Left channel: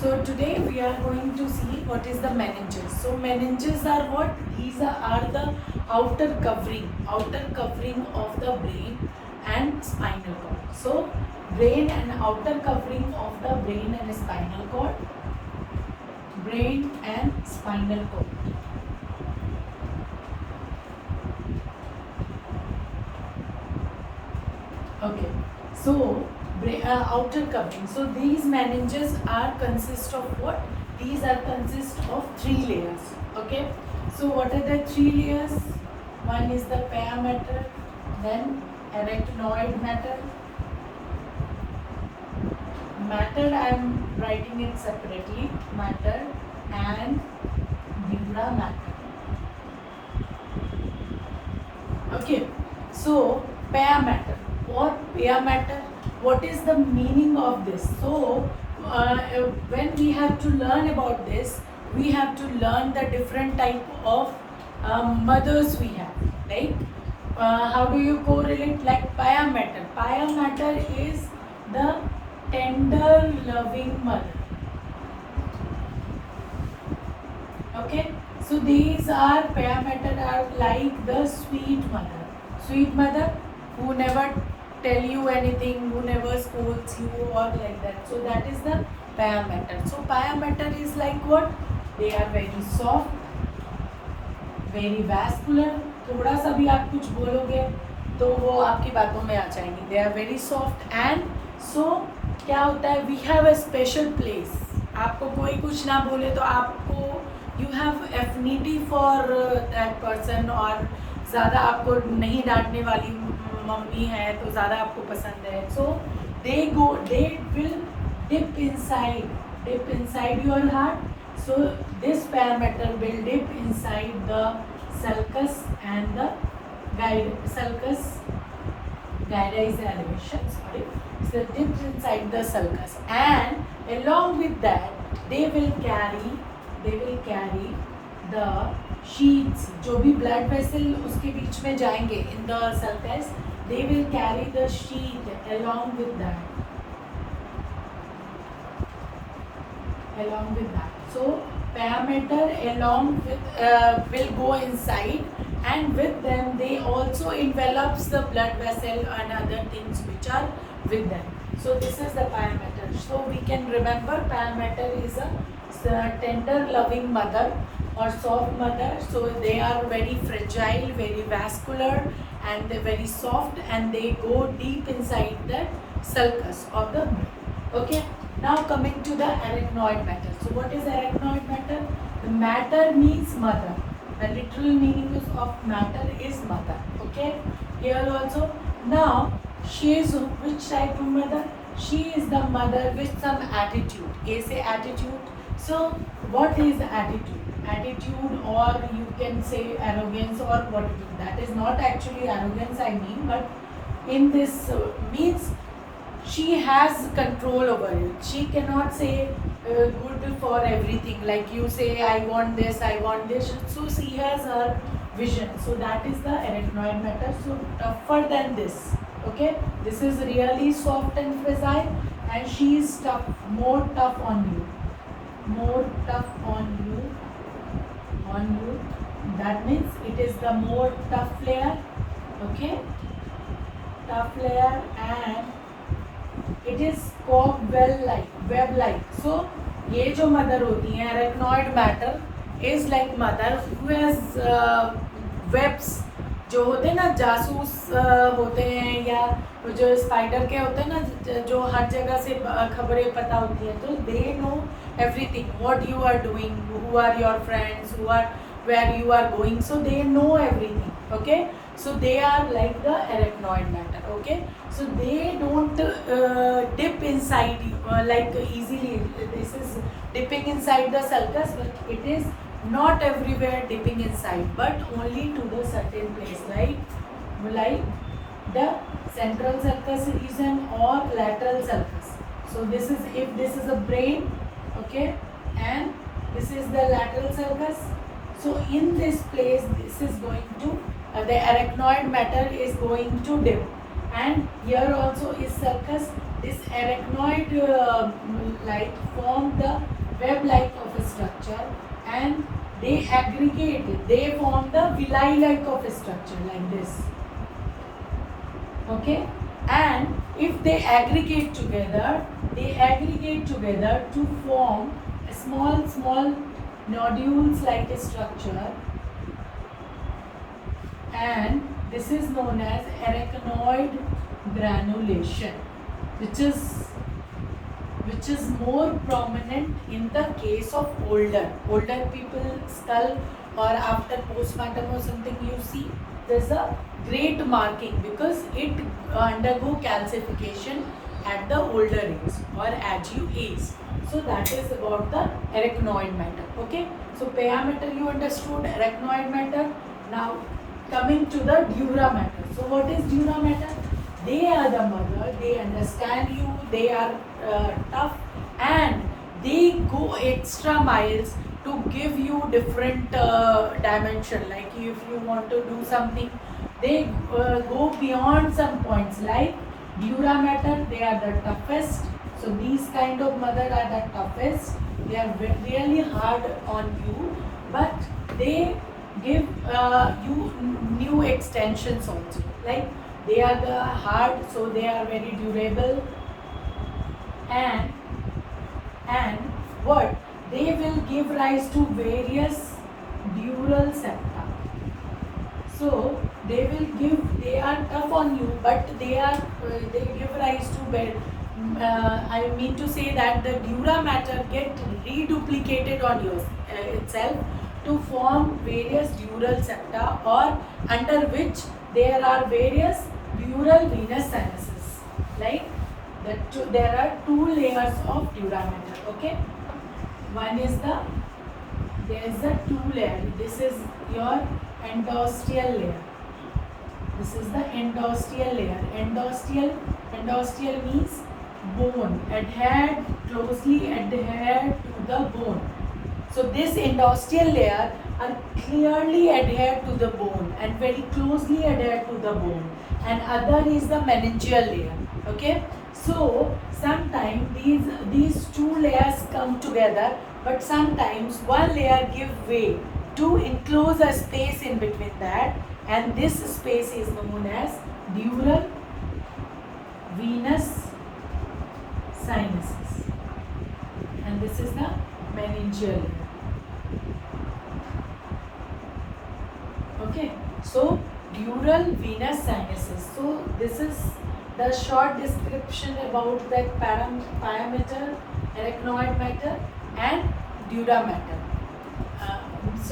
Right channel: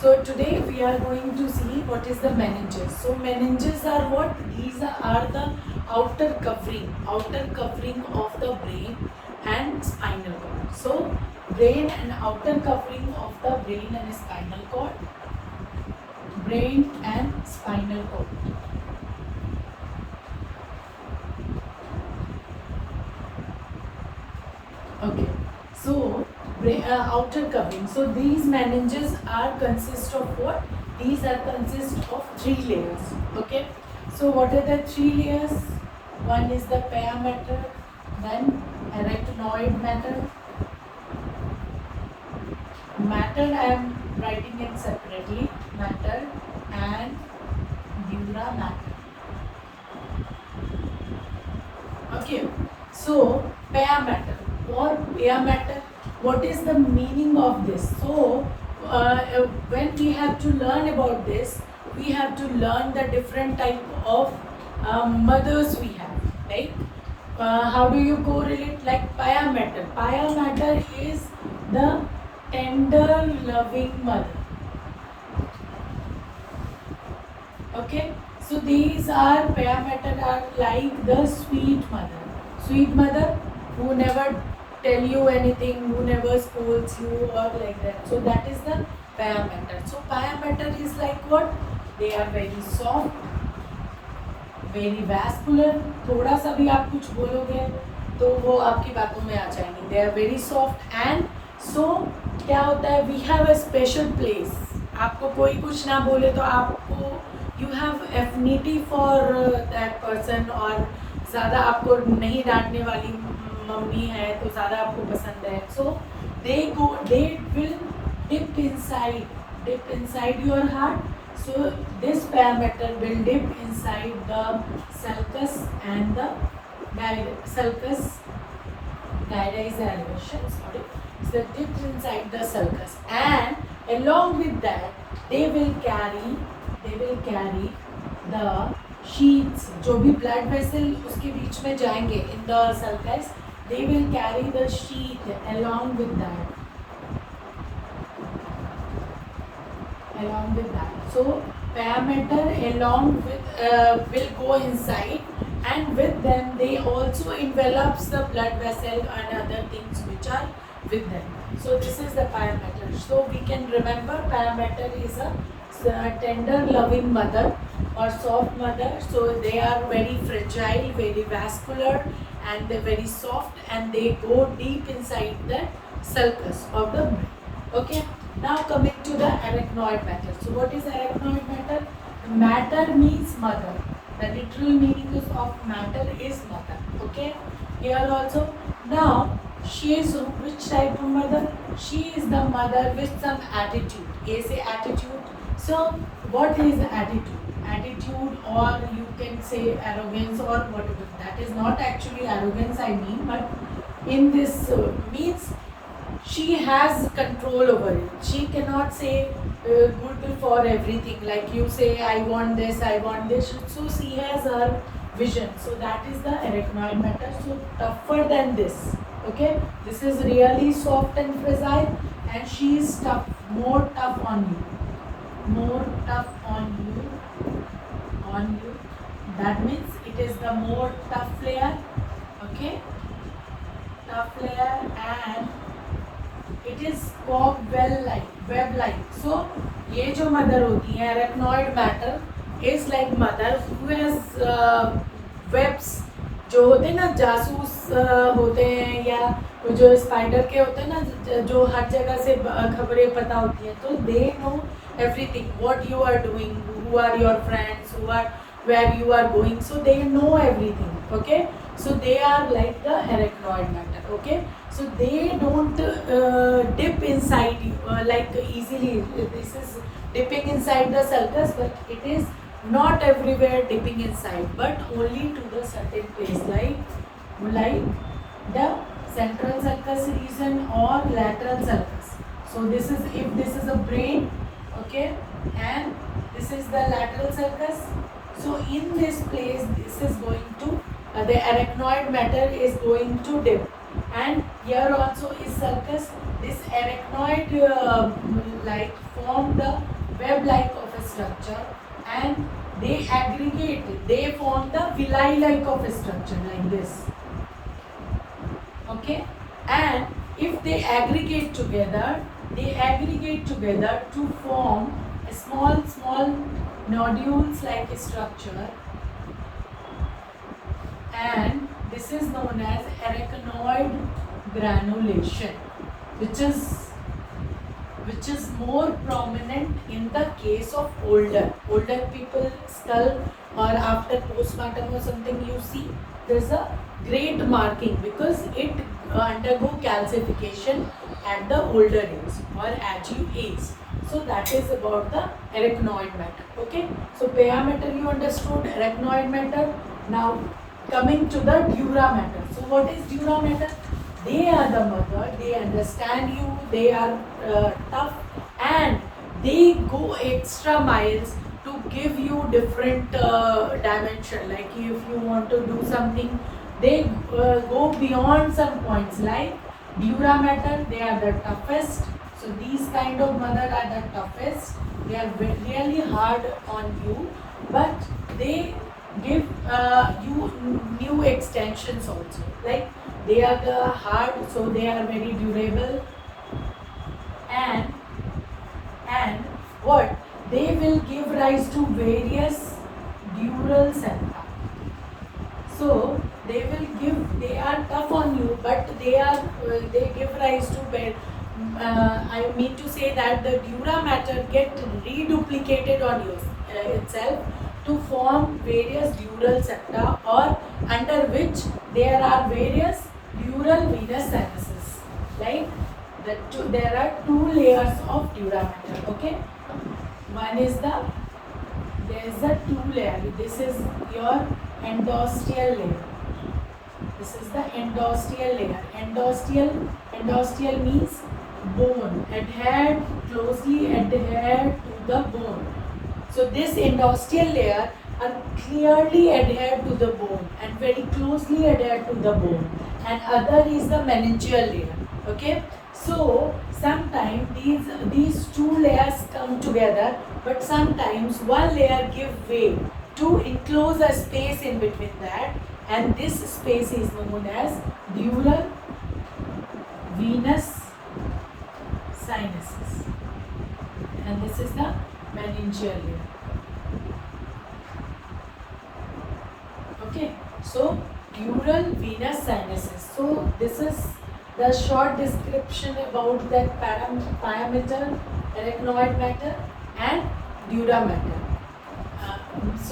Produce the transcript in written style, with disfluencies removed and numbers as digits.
So today we are going to see what is the meninges. So meninges are what? These are the outer covering of the brain and spinal cord. So brain and outer covering of the brain and spinal cord. Brain and spinal cord. Okay. So outer covering. So these meninges are consist of what? These are consist of three layers. Okay. So what are the three layers? One is the pia mater, then arachnoid matter. Matter I am writing it separately. Matter and dura mater. Okay. So pia matter or pia matter. What is the meaning of this? So when we have to learn about this, we have to learn the different type of mothers we have. Like how do you correlate? Like pia matter. Pia matter is the tender, loving mother. Okay. So these are pia mater are like the sweet mother. Sweet mother who never tell you anything, who never scolds you or like that. So that is the pia mater. So pia mater is like what? They are very soft, very vascular. थोड़ा सा भी आप कुछ बोलोगे तो वो आपकी बातों में आ जाएंगे. They are very soft and so क्या होता है? We have a special place. आपको कोई कुछ ना बोले तो आपको you have affinity for that person और ज़्यादा आपको नहीं डांटने वाली मम्मी है तो ज़्यादा आपको पसंद है. So they will dip inside your heart. So this pia mater will dip inside the sulcus and the sulcus gyra is the elevation. Sorry, so dip inside the sulcus and along with that they will carry the sheets. जो भी blood vessel उसके बीच में जाएंगे in the sulcus, they will carry the sheet along with that. So pia mater along with will go inside and with them they also envelops the blood vessel and other things which are with them. So this is the pia mater. So we can remember pia mater is a tender loving mother or soft mother. So they are very fragile, very vascular and they're very soft and they go deep inside the sulcus of the brain. Okay. Now coming to the arachnoid matter. So what is arachnoid matter? The matter means mother. The literal meaning of matter is mother. Okay. Here also. Now she is which type of mother? She is the mother with some attitude. A say attitude. So what is attitude? Attitude or you can say arrogance or whatever. That is not actually arrogance I mean, but in this means she has control over it. She cannot say good for everything. Like you say, I want this, I want this. So she has her vision. So that is the arachnoid matter. So tougher than this. Okay, this is really soft and fragile, and she is tough, more tough on you, more tough on you. That means it is the more tough layer. Okay, tough layer and it is web like. So ये जो mother होती है arachnoid matter is like mother who has webs. जो होते हैं ना जासूस होते हैं या जो स्पाइडर के होते हैं ना जो हर जगह से खबरें पता होती हैं. तो they know everything, what you are doing, who are your friends, where you are going. So they know everything. Okay. So they are like the arachnoid matter. Okay. So they don't dip inside like easily. This is dipping inside the sulcus, but it is not everywhere dipping inside, but only to the certain place, like the central sulcus region or lateral sulcus. So this is if this is a brain, okay, and this is the lateral sulcus. So in this place, this is going to the arachnoid matter is going to dip, and here also is sulcus. this arachnoid like form the web like of a structure, and they aggregate it. They form the villi like of a structure like this. Okay, and if they aggregate together to form a small nodules like a structure, and this is known as arachnoid granulation, which is more prominent in the case of older people skull, or after postmortem or something, you see there's a great marking because it undergo calcification at the older age or as you age. So that is about the arachnoid matter. Okay, so pia matter you understood, arachnoid matter. Now coming to the dura matter. So what is dura matter? They are the mother, they understand you, they are tough, and they go extra miles to give you different dimension. Like if you want to do something, they go beyond some points. Like dura mater, they are the toughest. So these kind of mother are the toughest. They are really hard on you, but they give you new extensions also. Like they are the hard, so they are very durable, and what they will give rise to various dural septa. So they are tough on you, but they give rise to I mean to say that the dura mater get reduplicated on you itself to form various dural septa, or under which there are various dural venous sinuses. Like there are two layers of dura mater. Okay, one is there is a two layer. This is your endosteal layer. This is the endosteal layer. Endosteal means bone, closely adhered to the bone. So this endosteal layer are clearly adhered to the bone and very closely adhered to the bone, and other is the meningeal layer. Okay, so sometimes these two layers come together, but sometimes one layer give way to enclose a space in between that, and this space is known as dural venous sinuses, and this is the meningeal layer. Okay, so dural venous sinuses. So this is the short description about that pia mater, arachnoid matter, and dura matter.